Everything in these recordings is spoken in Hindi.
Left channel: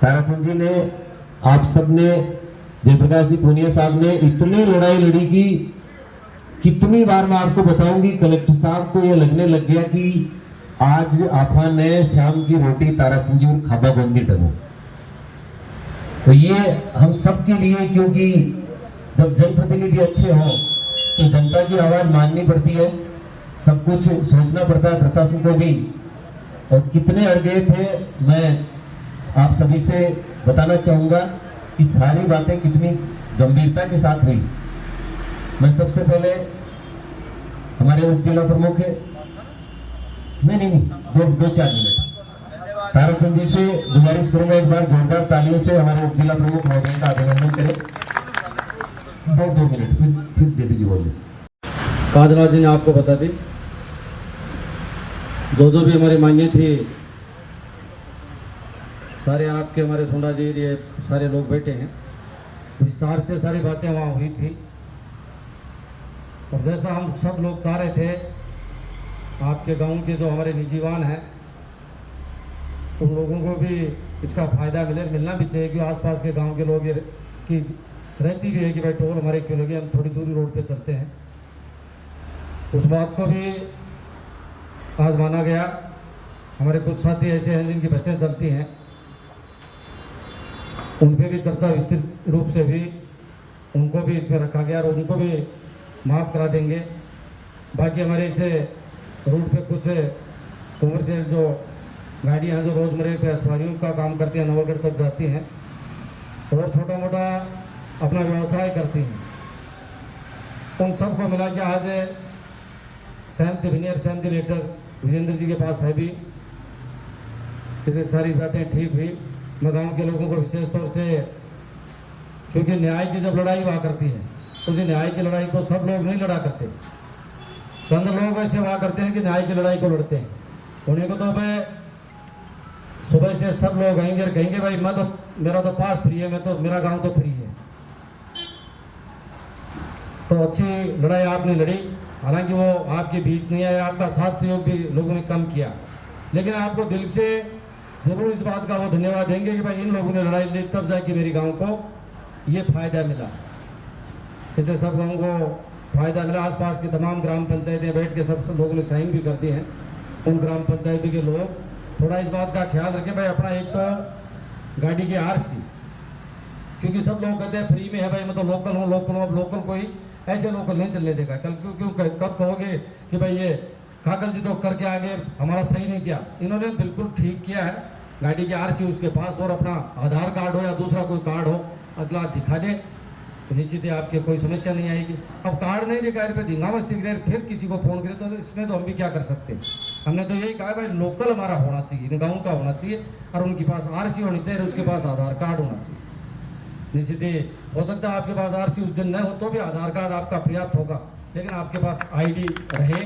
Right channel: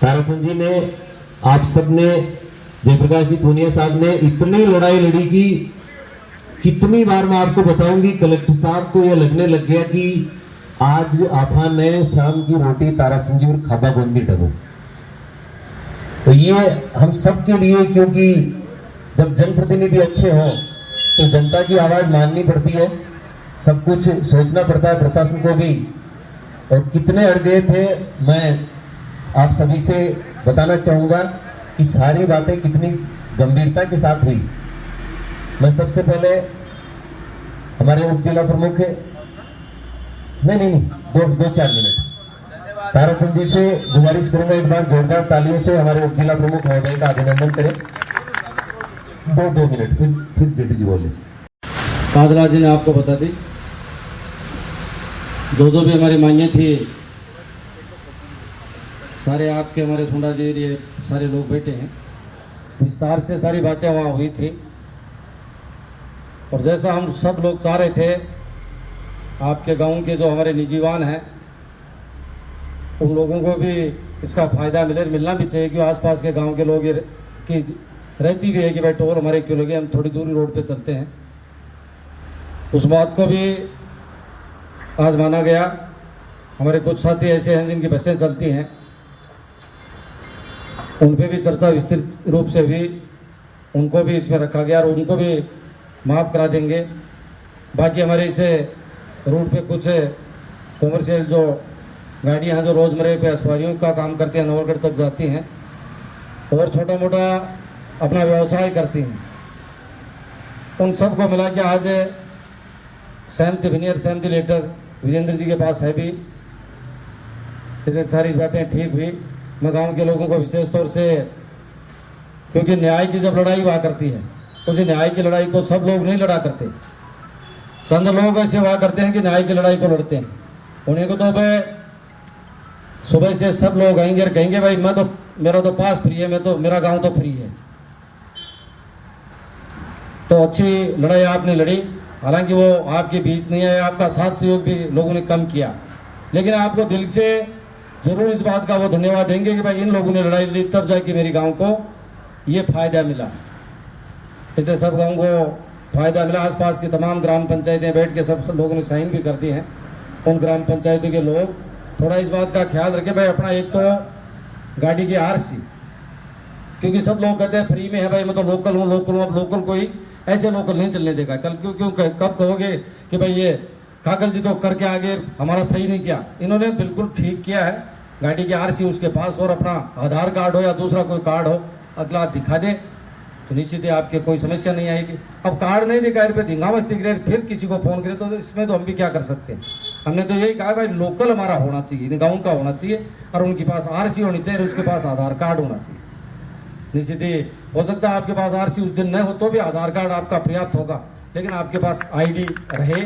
ताराचंद जी ने, आप सबने, जयप्रकाश जी पूनिया साहब ने इतनी लड़ाई लड़ी कि कितनी बार मैं आपको बताऊंगी, कलेक्टर साहब को यह लगने लग गया कि आज आपा ने शाम की रोटी ताराचंद जी और खाबा बंदी टगो। तो ये हम सब के लिए, क्योंकि जब जनप्रतिनिधि अच्छे हों तो जनता की आवाज माननी पड़ती है, सब कुछ सोचना पड़ता है प्रशासन को भी। और कितने अड़ गए थे, मैं आप सभी से बताना चाहूंगा कि सारी बातें कितनी गंभीरता के साथ हुई। मैं सबसे पहले हमारे उप जिला प्रमुख, नहीं, दो 4 मिनट ताराचंद जी से गुजारिश करूंगा, एक बार जोरदार तालियों से हमारे उप जिला प्रमुख महोदय का अभिनंदन करें। 2 मिनट फिर जेपी जी बोलिए। काजराज जी ने आपको बता दी, जो भी हमारी मांगे थी, सारे आपके, हमारे सोंडा जी, ये सारे लोग बैठे हैं, विस्तार से सारी बातें वहाँ हुई थी। और जैसा हम सब लोग चाह रहे थे, आपके गांव के जो हमारे निजीवान हैं, उन लोगों को भी इसका फायदा मिलना भी चाहिए, कि आसपास के गांव के लोग की रहती भी है कि भाई टोल हमारे क्यों लगे, हम थोड़ी दूरी रोड पे चलते हैं। उस बात को भी आज माना गया। हमारे कुछ साथी ऐसे हैं जिनकी बसें चलती हैं, उन पे भी चर्चा विस्तृत रूप से भी उनको भी इसमें रखा गया और उनको भी माफ़ करा देंगे। बाकी हमारे इसे रूट पे कुछ कॉमर्शियल जो गाड़ियाँ जो रोज़मर्रे पे सवारियों का काम करती हैं, नौलगढ़ तक जाती हैं और छोटा मोटा अपना व्यवसाय करती हैं, उन सबको मिला के आज सहमति, विनियर सहमति लेटर विजेंद्र जी के पास है भी। सारी बातें ठीक हुई। मैं गांव के लोगों को विशेष तौर से, क्योंकि न्याय की जब लड़ाई हुआ करती है, उस न्याय की लड़ाई को सब लोग नहीं लड़ा करते, चंद लोग ऐसे हुआ करते हैं कि न्याय की लड़ाई को लड़ते हैं। उन्हीं को तो भाई सुबह से सब लोग आएंगे और कहेंगे भाई मेरा तो पास फ्री है, मेरा गांव तो फ्री है। तो अच्छी लड़ाई आपने लड़ी, हालांकि वो आपके बीच नहीं है, आपका साथ सहयोग भी लोगों ने कम किया, लेकिन आपको दिल से जरूर इस बात का वो धन्यवाद देंगे कि भाई इन लोगों ने लड़ाई लड़ी, तब जाके मेरे गांव को ये फायदा मिला। इसलिए सब गांव को फायदा मिला। आसपास की तमाम ग्राम पंचायतें बैठ के सब लोगों ने साइन भी कर दी हैं। उन ग्राम पंचायतों के लोग थोड़ा इस बात का ख्याल रखें भाई, अपना एक तो गाड़ी की आरसी, क्योंकि सब लोग कहते हैं फ्री में है भाई, मैं तो लोकल हूँ। अब लोकल कोई ऐसे लोकल नहीं चलने देगा। कल क्यों कब कहोगे कि भाई ये काकल जी तो करके आगे हमारा सही नहीं किया, इन्होंने बिल्कुल ठीक किया है। गाड़ी की आरसी उसके पास और अपना आधार कार्ड हो या दूसरा कोई कार्ड हो, अगला दिखा दे तो निश्चित ही आपके कोई समस्या नहीं आएगी। अब कार्ड नहीं दिखाए पे धिंगामस्ती करे, फिर किसी को फोन करे, तो इसमें तो हम भी क्या कर सकते हैं। हमने तो यही कहा भाई लोकल हमारा होना चाहिए, गाँव का होना चाहिए, और उनके पास आरसी होनी चाहिए और उसके पास आधार कार्ड होना चाहिए। निश्चित ही हो सकता है आपके पास आरसी उस दिन न हो तो भी आधार कार्ड आपका पर्याप्त होगा, लेकिन आपके पास आईडी रहे।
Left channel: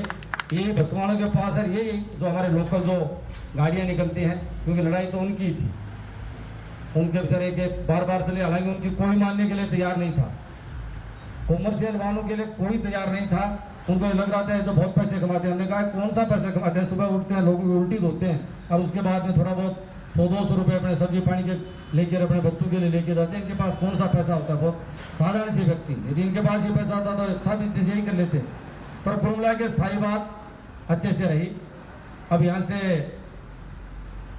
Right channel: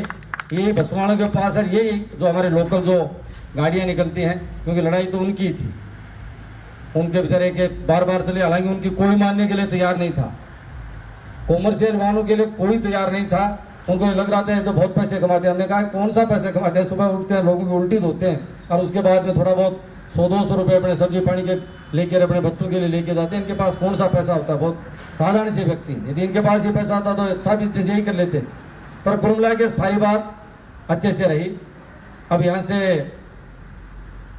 ये बसवाणों के पास है, ये जो हमारे लोकल जो गाड़ियाँ निकलती हैं, क्योंकि लड़ाई तो उनकी थी, उनके बेचारे के बार बार चले, हालांकि उनकी कोई मानने के लिए तैयार नहीं था, कॉमर्शियल वाहनों के लिए कोई तैयार नहीं था। उनको लग रहा था ये तो बहुत पैसे कमाते हैं। हमने कहा कौन सा पैसे कमाते हैं, सुबह उठते हैं लोगों की उल्टी धोते हैं और उसके बाद में थोड़ा बहुत 100-200 रुपये अपने सब्जी पानी के लेकर अपने बच्चों के लिए लेके जाते हैं। इनके पास कौन सा पैसा होता है, बहुत साधारण से व्यक्ति। यदि इनके पास ये पैसा आता तो अच्छा बिजनेस यही कर लेते। पर कुल मिला के सारी बात अच्छे से रही। अब यहाँ से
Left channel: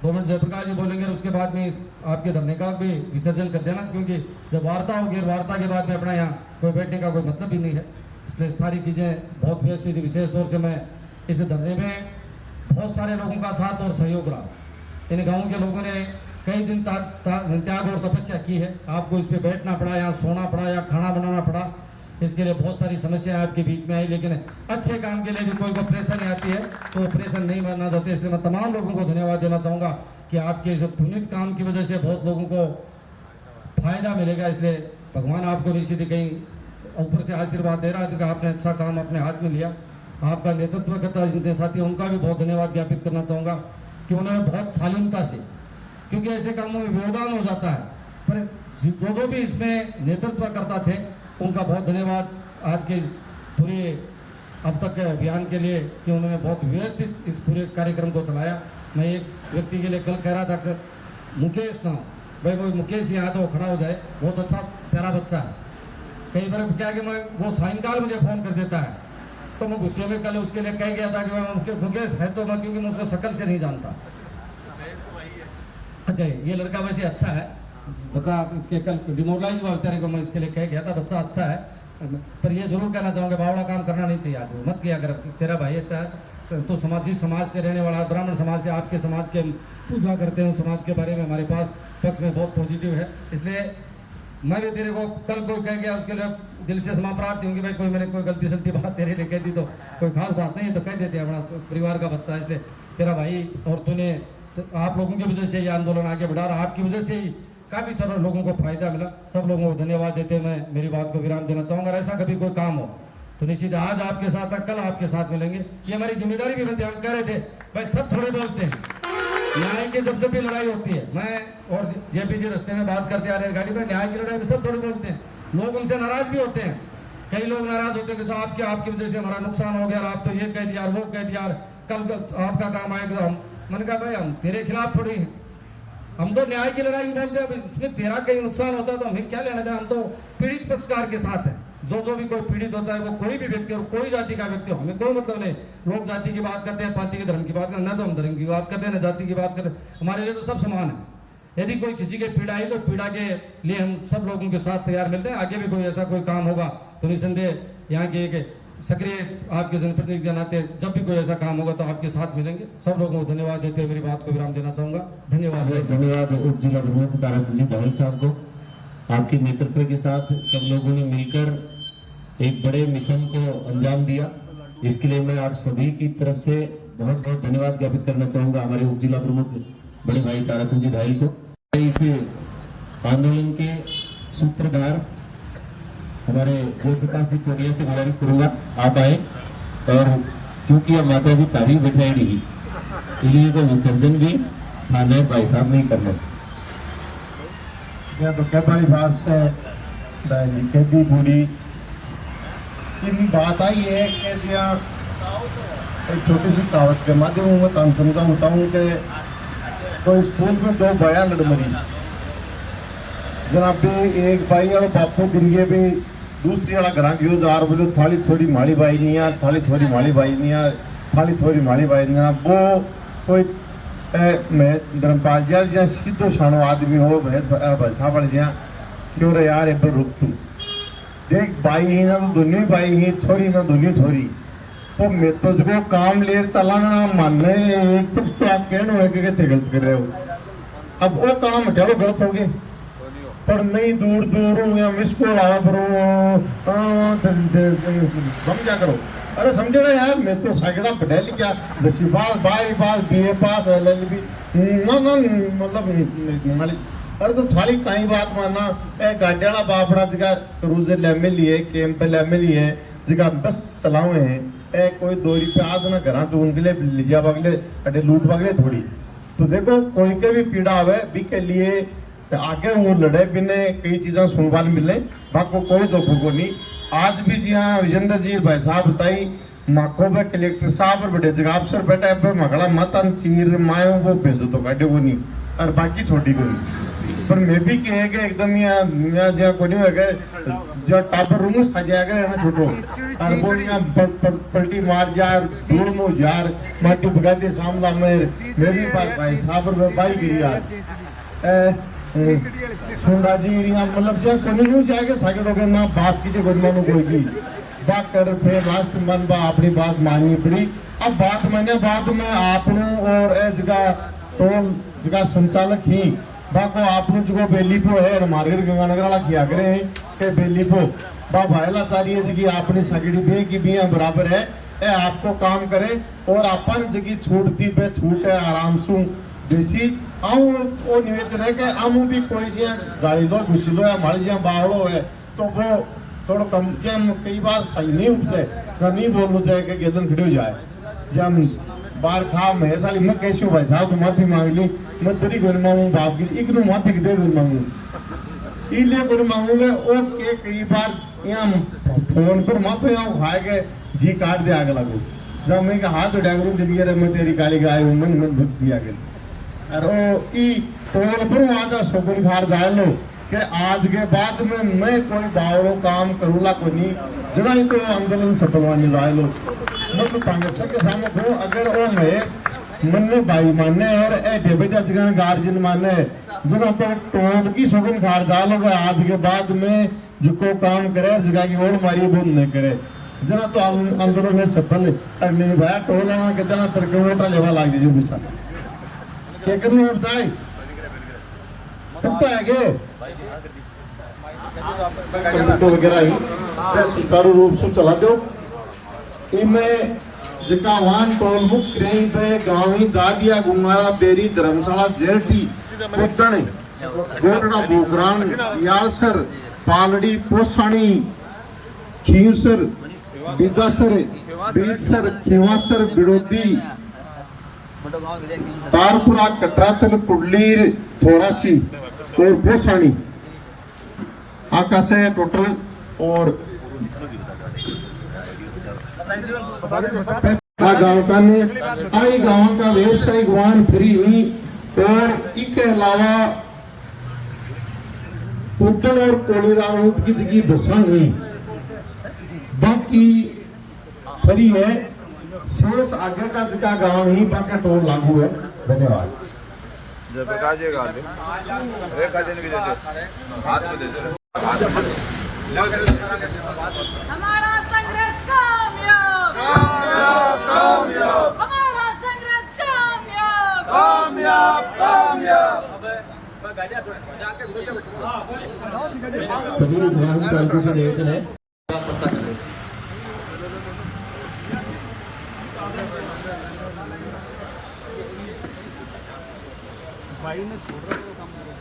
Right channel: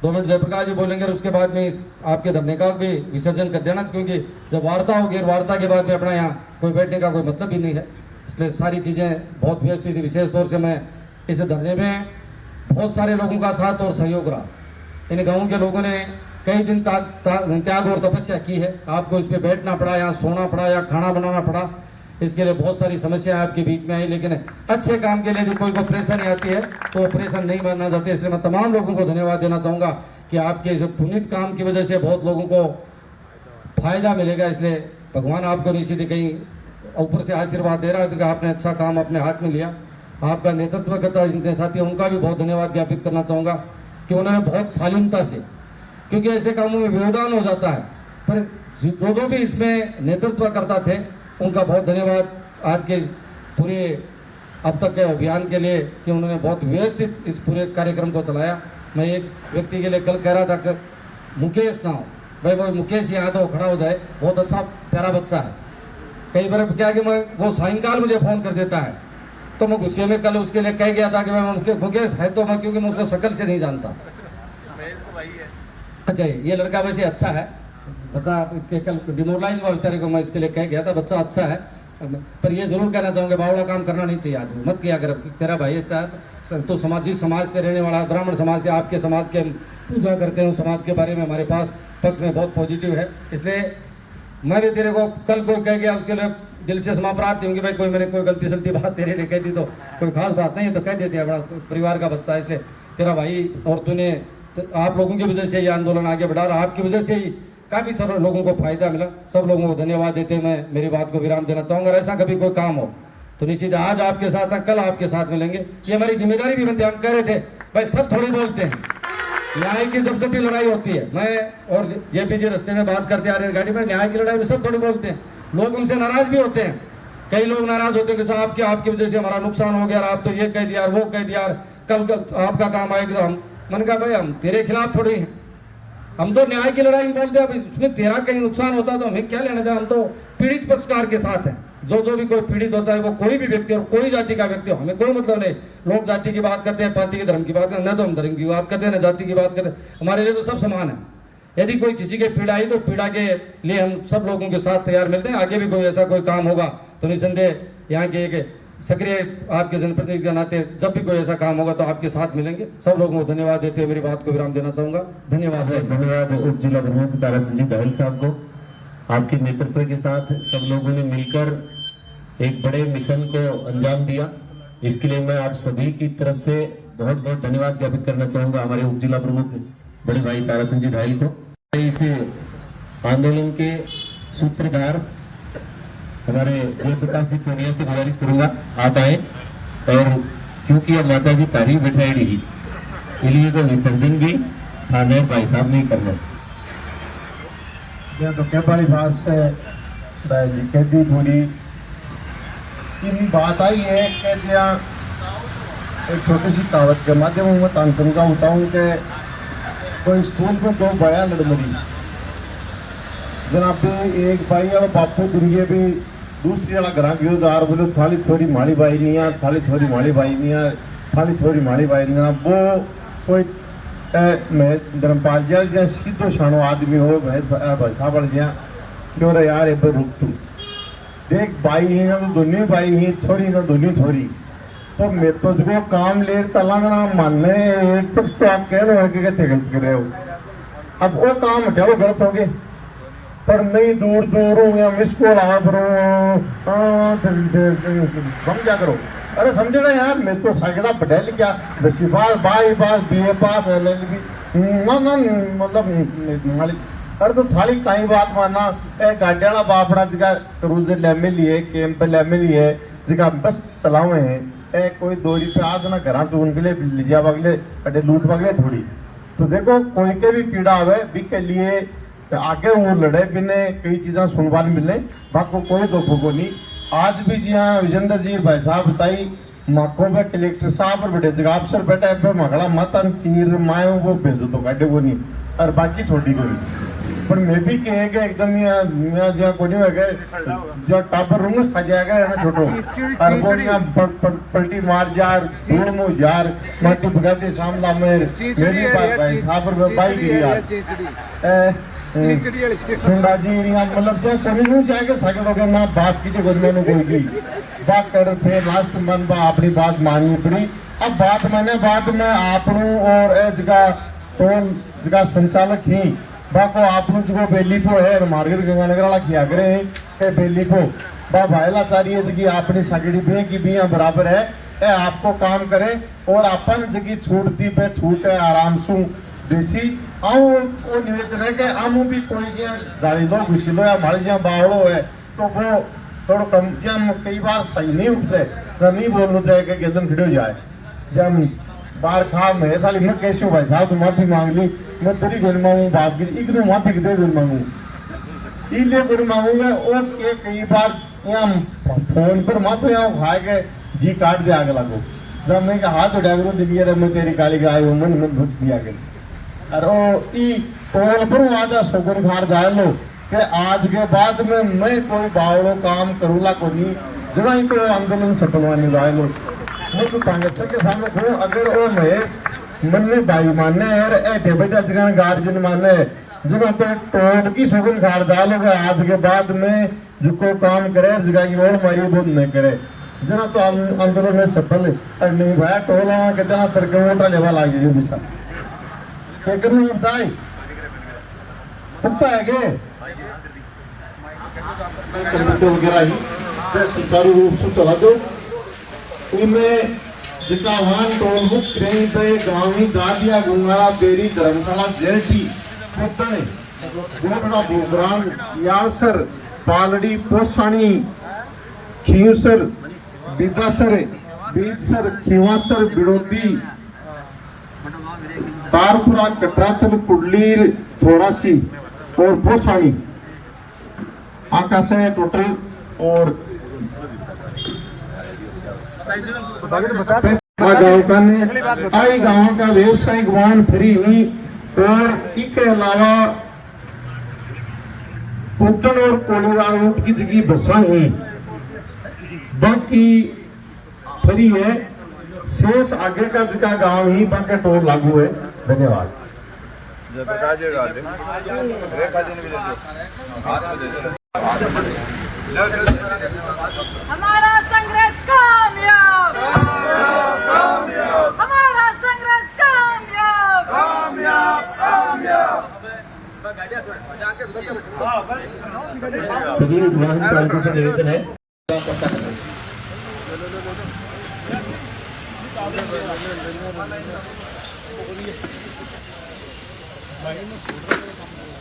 2 मिनट जयप्रकाश जी बोलेंगे और उसके बाद में इस आपके धरने का भी विसर्जन कर देना, क्योंकि जब वार्ता होगी, वार्ता के बाद में अपना यहाँ कोई बैठने का कोई मतलब भी नहीं है। इसलिए सारी चीज़ें बहुत व्यवस्थित थी। विशेष तौर से मैं इस धरने में बहुत सारे लोगों का साथ और सहयोग रहा। इन गाँव के लोगों ने कई दिन त्याग और तपस्या की है। आपको इस पर बैठना पड़ा, यहाँ सोना पड़ा, या खाना बनाना पड़ा, इसके लिए बहुत सारी समस्याएं आपके बीच में आई। लेकिन अच्छे काम के लिए यदि कोई को परेशानी आती है तो परेशान नहीं मानना चाहते। इसलिए मैं तमाम लोगों को धन्यवाद देना चाहूँगा कि आपके इस पुनीत काम की वजह से बहुत लोगों को फायदा मिलेगा। इसलिए भगवान आपको निश्चित कहीं ऊपर से आशीर्वाद दे रहा है कि आपने अच्छा काम अपने हाथ में लिया। आपका नेतृत्व करता जिनके साथी उनका भी बहुत धन्यवाद ज्ञापित करना चाहूँगा कि उन्होंने बहुत शालीनता से, क्योंकि ऐसे कामों में व्यवधान हो जाता है, पर जो भी इसमें नेतृत्व करता थे उनका बहुत धन्यवाद आज के इस पूरे अब तक के अभियान के लिए, कि उन्होंने बहुत व्यवस्थित इस पूरे कार्यक्रम को चलाया। मैं एक व्यक्ति के लिए कल कह रहा था कि मुकेश नाम, भाई वो मुकेश यहाँ तो खड़ा हो जाए, बहुत अच्छा प्यारा बच्चा है। कई बार क्या कि मैं वो सायंकाल मुझे फ़ोन कर देता है, तो मैं गुस्से में कल उसके लिए कह गया था कि मैं मुकेश है तो मैं, क्योंकि मैं उसको शक्ल से नहीं जानता। अच्छा ये लड़का वैसे अच्छा है बच्चा, इसके कल डिमोरलाइज हुआ बेचारे को, मैं इसके लिए कह गया था बच्चा अच्छा है। पर ये जरूर कहना चाहूँगा बावड़ा काम करना नहीं चाहिए आदमी, मत किया कर। तेरा भाई अच्छा है तो जिस समाज से रहने वाला, ब्राह्मण समाज से, आपके समाज के पूजा करते हैं, समाज के बारे में हमारे पास पक्ष में बहुत पॉजिटिव है। इसलिए मैं भी तेरे को कल कोई कह गया उसके लिए दिल से क्षमा प्रार्थी होंगी भाई, कोई मैंने कोई गलती सलती बात तेरे लिए कह दी तो कोई खास बात नहीं है, तो कह देते हैं, बड़ा परिवार का बच्चा है। इसलिए तेरा भाई और तूने तो आप लोगों की वजह से ये आंदोलन आगे बढ़ा रहा, आपकी वजह से ही काफ़ी सारे लोगों को फायदा मिला। सब लोगों को धन्यवाद देते मैं मेरी बात को विराम देना चाहूँगा। ऐसा कभी कोई काम हो तो निश्चित आज आपके साथ है, कल आपके साथ मिलेंगे, ये हमारी जिम्मेदारी भी बनती है। हम कह रहे थे भाई सब थोड़े बोलते हैं, न्याय की जब भी लड़ाई होती है, मैं और जेपीजी रास्ते में बात करते आ रही गाड़ी में, न्याय की लड़ाई में सब थोड़े बोलते हैं, लोग उनसे नाराज भी होते हैं। कई लोग नाराज होते हैं कि आपकी वजह से हमारा नुकसान हो गया, आप तो ये कह दिया वो कह दिया, कल आपका काम आएगा। हम मैंने कहा भाई हम तेरे खिलाफ थोड़ी हैं, हम तो न्याय की लड़ाई में बोलते हैं। उसमें तेरा कहीं नुकसान होता तो हमें क्या लेना था, हम तो पीड़ित पक्षकार के साथ हैं। जो भी कोई पीड़ित होता है वो कोई भी व्यक्ति और कोई जाति का व्यक्ति हो, हमें कोई मतलब नहीं। लोग जाति की बात करते हैं, पाति के धर्म की बात करते हैं, न तो हम धर्म की बात करते हैं न जाति की बात करते हैं, हमारे लिए तो सब समान है। यदि कोई किसी के पीड़ा आई तो पीड़ा के लिए हम सब लोगों के साथ तैयार मिलते हैं। आगे भी कोई ऐसा कोई काम होगा तो निसंदेह यहाँ के एक सक्रिय आपके जनप्रतिनिधि के नाते जब भी कोई ऐसा काम होगा तो आपके साथ मिलेंगे। सब लोगों को धन्यवाद देते हुए मेरी बात को विराम देना चाहूंगा। धन्यवाद। धन्यवाद उप जिला प्रमुख ताराचंद जी दाहिल साहब को। आपके नेतृत्व के साथ सब लोगों ने मिलकर एक बड़े मिशन को अंजाम दिया, इसके लिए मैं आप सभी की तरफ से बहुत बहुत धन्यवाद ज्ञापित करना चाहूंगा हमारे उप जिला प्रमुख बड़े भाई ताराचंद जी दाहिल को। इस आंदोलन के सूत्रधार हमारे जयप्रकाश जी पूनिया से गुजारिश करूंगा आप आए, और क्योंकि अब माता जी तारीख बैठाई रही इसलिए को विसर्जन भी थाने भाई साहब नहीं करना। या तो क्या बड़ी बात से कहती पूरी की बात आई है कि एक छोटी सी कहावत के माध्यम में मैं समझाता हूँ कि कोई स्कूल में दो बया लड़ मरी, जनाब एक भाई और बापू दिए भी दूसरी वाला घर गयो जार बोलो थाली छोरी माली बाई नहीं आ, थाली छोरी माली बाई नहीं आ, थाली छोरी माली बाई नहीं आ। वो कोई मैं धर्मपाल जी जहाँ सीधो शानो आदमी हो भाषा बढ़ जहाँ क्यों रे यार एक बार रुक तू देख, बाई ही ना तो दोनों बाई ही, छोरी ना दोनों छोरी, तो मैं तो जो काम ले चलाना मानने एक पक्ष तो आप कह रहे हो कि गलत कर रहे हो। अब वो काम हटाओ गलत हो गए, पर नहीं दूर दूर हूँ या मिस कॉल आवा करो समझा करो। अरे समझे ना यार, मैं तो सगड़ा पढ़ा लिखा 10वीं पास 12वीं पास BA पास LLB ना मतलब अरे तो थाली कहीं बात मानना गाड़ी वाला बापड़ा जगह क्रूजर लैमे लिए कैंप लैमे लिए जगह बस चलावे हैं कोई 2 रुपये आज ना घर चुन के लिए लिजा बगले अड्डे लूट बगले थोड़ी। तो देखो कोई के भी पीड़ा आवे भी के लिए आगे वो लड़े बिने कई चीज़ें सुनवान मिले, बाको कोई दुख को नहीं। आज भी जी हाँ विजेंद्र जी भाई साहब बताई माखो में कलेक्टर साहब और बड़े जगह अफसर बैठा है मगड़ा मतन चीर माए वो भेजो तो काटे को नहीं और बाकी छोटी को नहीं। पर मैं भी कहे कि एकदम यहाँ जहाँ को नहीं है जो टापर रूम खा जाएगा यहाँ छोटो और वो यहाँ पलटी मार जार धूल मुँह जार माटी भगाते सामना मेरे भी भाई साहब और बाई गिरी आज सुंडा जी यहाँ मतलब जो कोई जाएगा साइकिल हो गया ना बात कीजिए गुजमानो कोई की बात कर फिर लास्ट मन बा अपनी बात माननी पड़ी। अब बात मैंने बात में आपनू और जगह टोल जगह संचालक ही बाको आपनू जो बेली को है मार्केट गंगानगर वाला किया करे हैं के बेली को बा भाईला चाहिए जगह अपनी सगड़ी बे की भी बराबर है आपको काम करें और अपन जगह छूट दी पे छूट है आराम से देसी आऊँ वो निवेदन है कि आमू भी कोई जहाँ गाड़ी लो घुसिलो या माड़ी जहाँ बावड़ो है तो वो थोड़ा कम जहाँ कई बार सही नहीं उठते तो नहीं बोलना चाहिए कि गेदन खड़े हो जाए जब बार खा मैं साली मैं कैसे भाई साहब तो माफी मांग ली मैं तेरी गोली मांगू बाप की एक माफी दे गोली मांगू इसलिए गोली मांगूंगा और के कई बार यहाँ फोन पर मातो यहाँ खाए के जी काट दे आगे लगो जब मैं हाथ उठा करूँ दिखिए मैं तेरी काली गाय हूँ मन घुस दिया गया और ई टोल पर आज शगुन खार जाए लो कि आज के बाद में मैं कोई बावड़ो काम करूला को नहीं जरा ही तो आंदोलन सफलवानी जाए लो मैं तो कांग्रेस के सामने को अगर वो महेश मन में भाई माने यार ए बेटा जगह गार्जियन माने जगह तो टोल की शगुन खार डालोगे आज के बाद में जिको काम करे जगह की और मारी बोल न करे जना तो आंदोलन में सफल है नहीं भाई टोला के जना तरके वोटा लेवा लागे जो बिसा क्या करूं बताई पता है के कंप्यूटर वगैरह ही सुचारू रूप से चला दो इनमें जितना वाहन टोल बुक ट्रेन पे गाँवी दादिया गुंगारा बेरी धर्मशाला जेठी पुतने गोटड़ा बोगराम यालसर पालड़ी पोसानी खीवसर बिदासर बीतसर खीवासर बिड़ोदी तारपुरा कटराचल कुडलीर थोड़ासी और पोसानी आकाश है टोटल और गांव का ने आई गांव का व्यवसायिक वाहन फ्री हुई और इसके अलावा पुतन और कोलेरा रूट की जगह बसा हुई बाकी फ्री है शेष आगे का जगह गांव ही बाकी टोल लागू है धन्यवाद हमारा संघर्ष कामयाब हमारा संघर्ष कामयाब सभी वाहन चालकों से निवेदन है भाई ने छोड़ रहा